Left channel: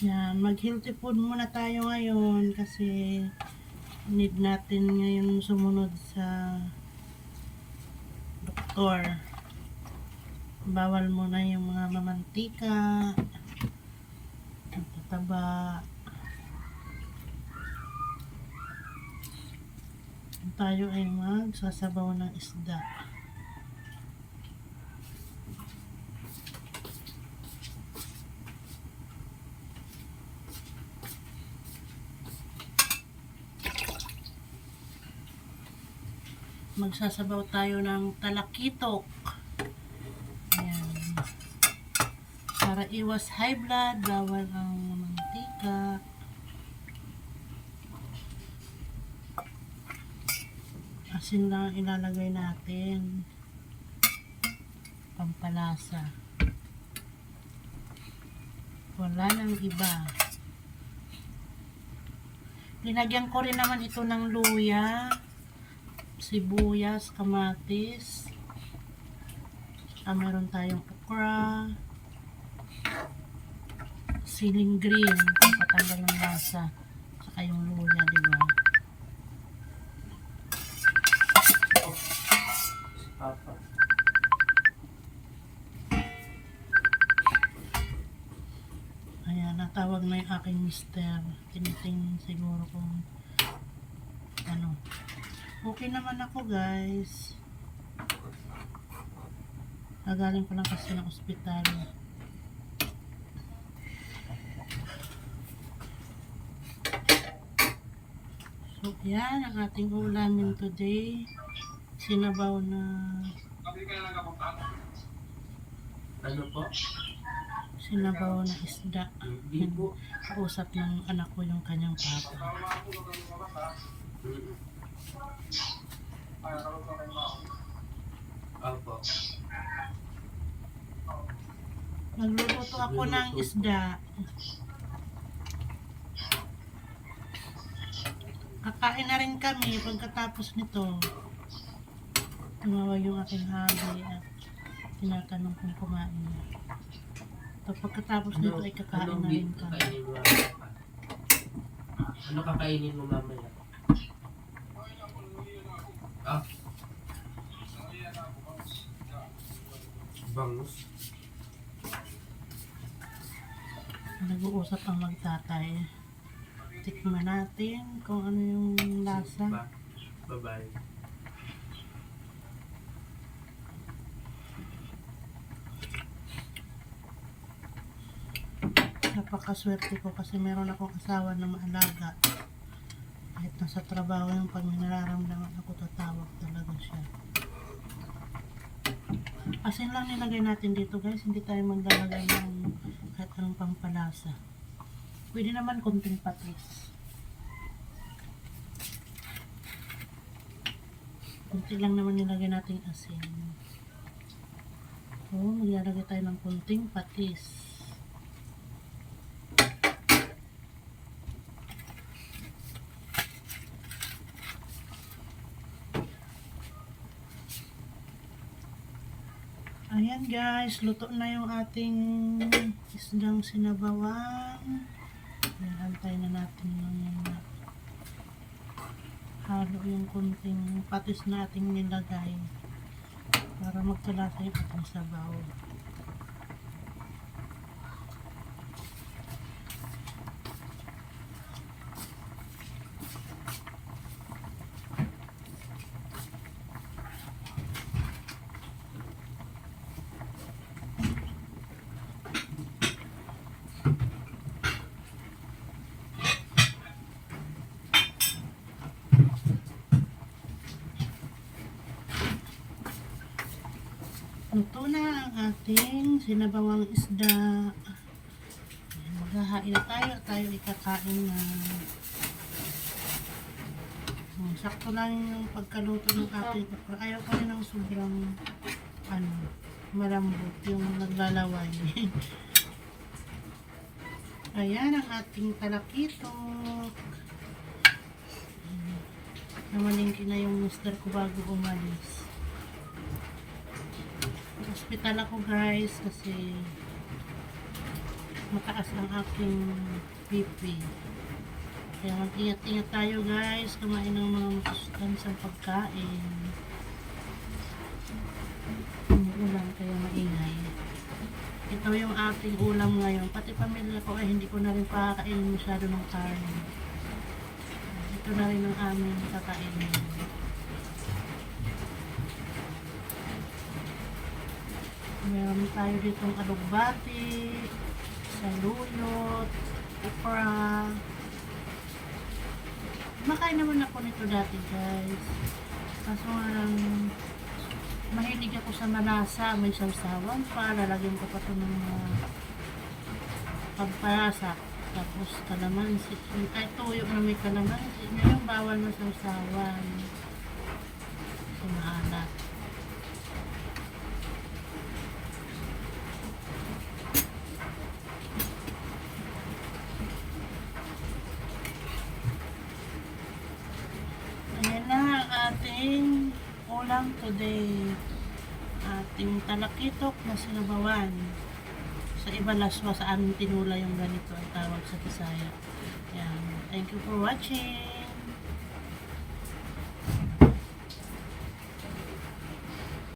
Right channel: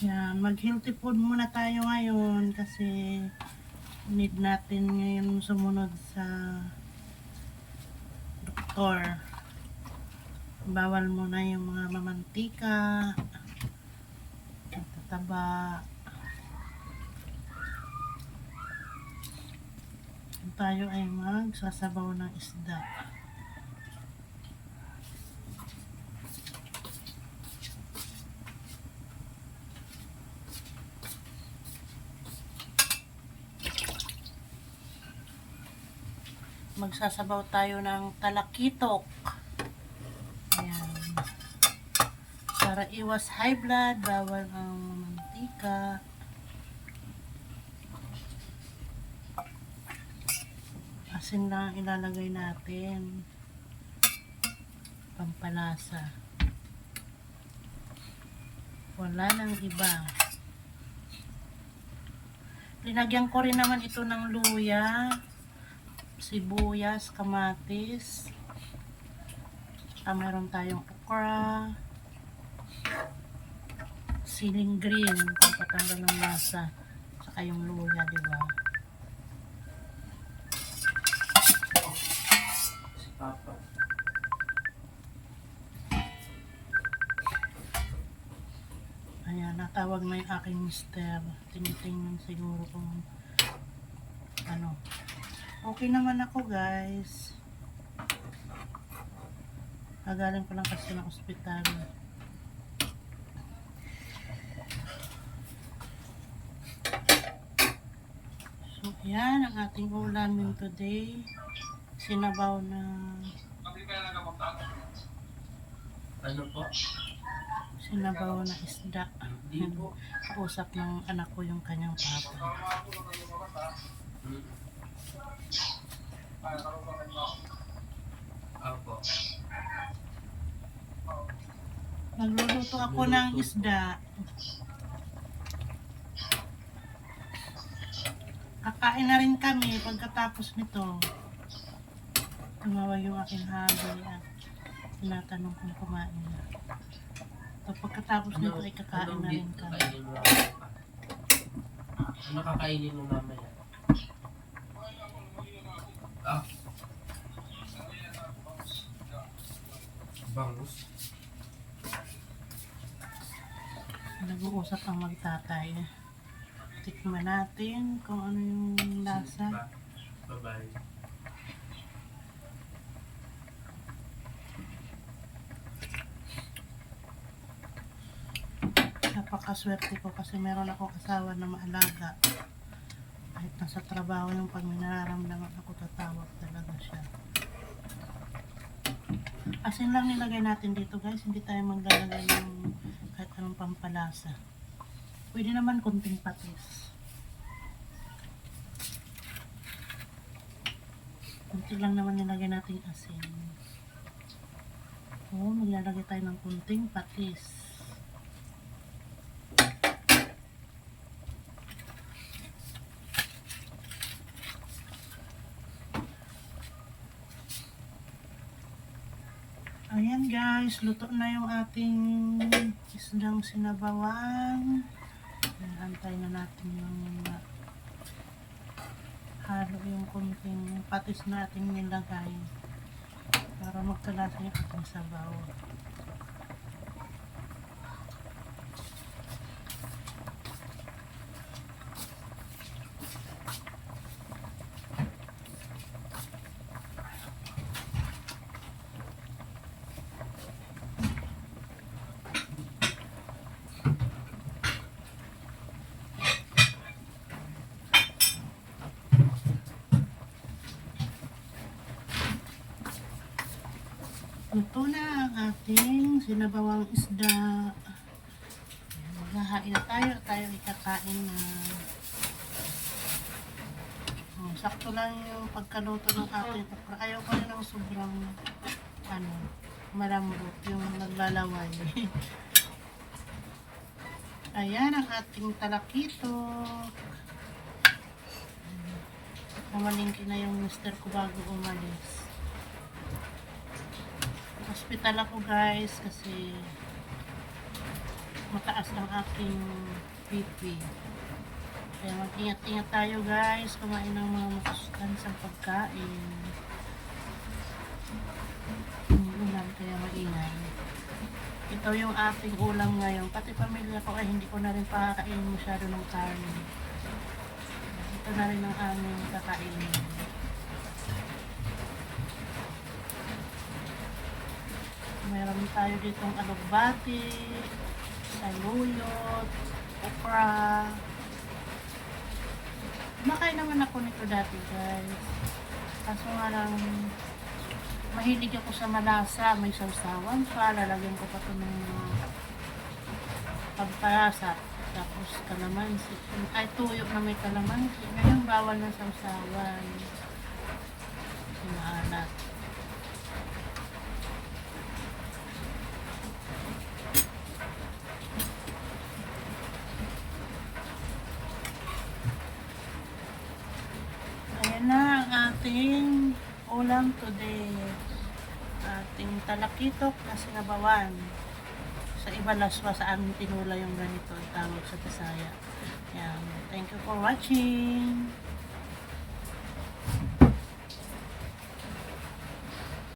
Yan, mag-healthy food muna tayo ngayon kasi need natin ngayon sumunod sa doktor. Bawal muna yung mga mamantika, tataba. Tayo ay magsasabaw ng isda. Magsasabaw tayo ng talakitok. Ayan. Para iwas high blood, bawal ang mantika. Asin lang ilalagay natin. Pampalasa. Wala nang iba. Linagyan ko rin naman ito ng luya sibuyas, kamatis. Ah, meron tayong okra. Siling green, pampatanggal ng lasa. Saka yung luya, di ba? Ayan, natawag na yung aking mister. Tinitingnan siguro kung ano. Okay naman ako, guys. Nagaling ko lang kasi ng ospital. So, yan ang ating ulamin today. Sinabaw na Ano po? sinabaw na isda. Kausap ng anak ko yung kanyang papa. Mm. Opo. Nagluluto ako ng isda. Kakain na rin kami pagkatapos nito. Tumawag yung aking hali at tinatanong kung kumain na. So pagkatapos nito ay kakain anong na rin kami. mamaya? Ano kakainin mo mamaya? Ah. Bangus. Nag-uusap ang magtatay. Tikman natin kung ano yung lasa. Babae. Napakaswerte ko kasi meron akong asawa na maalaga. Kahit nasa trabaho yung pag may nararamdaman ako, tatawag talaga siya. Asin lang nilagay natin dito guys, hindi tayo maglalagay ng kahit anong pampalasa. Pwede naman konting patis. Kunti lang naman nilagay natin asin. So, maglalagay tayo ng kunting patis. Ayan guys, luto na yung ating isdang sinabawan. Ayan, na natin yung halo yung kunting patis na ating nilagay para magkalasa yung ating sabaw. Luto na ang ating sinabawang isda. Ayan, Hahain na tayo tayo ikakain na. Oh, sakto lang yung pagkaluto ng ating okra. Ayaw ko rin ng sobrang ano, malambot yung naglalaway. Ayan ang ating talakito. Namalingki na yung mister ko bago umalis. Hospital ako guys kasi mataas ang aking BP. Kaya mag-ingat-ingat tayo guys, kumain ng mga masustansang pagkain. Ulan kaya maingay. Ito yung ating ulam ngayon. Pati pamilya ko ay hindi ko na rin pakakainin masyado ng karne. Ito na rin ang aming kakainin. Meron tayo dito ang alugbati, saluyot, okra. Makain naman ako nito dati guys. Kaso nga lang, mahilig ako sa malasa, may sausawan pa, lalagyan ko pa ito ng mga pagpalasa. Tapos kalamansi, ay tuyo na may kalamansi. Ngayon bawal na sausawan. Kasi maalat. Ayan na ang ating ulam today. Ating talakitok na sinabawan. Sa iba laswa sa aming tinula yung ganito ang tawag sa Bisaya. Ayan. Thank you for watching.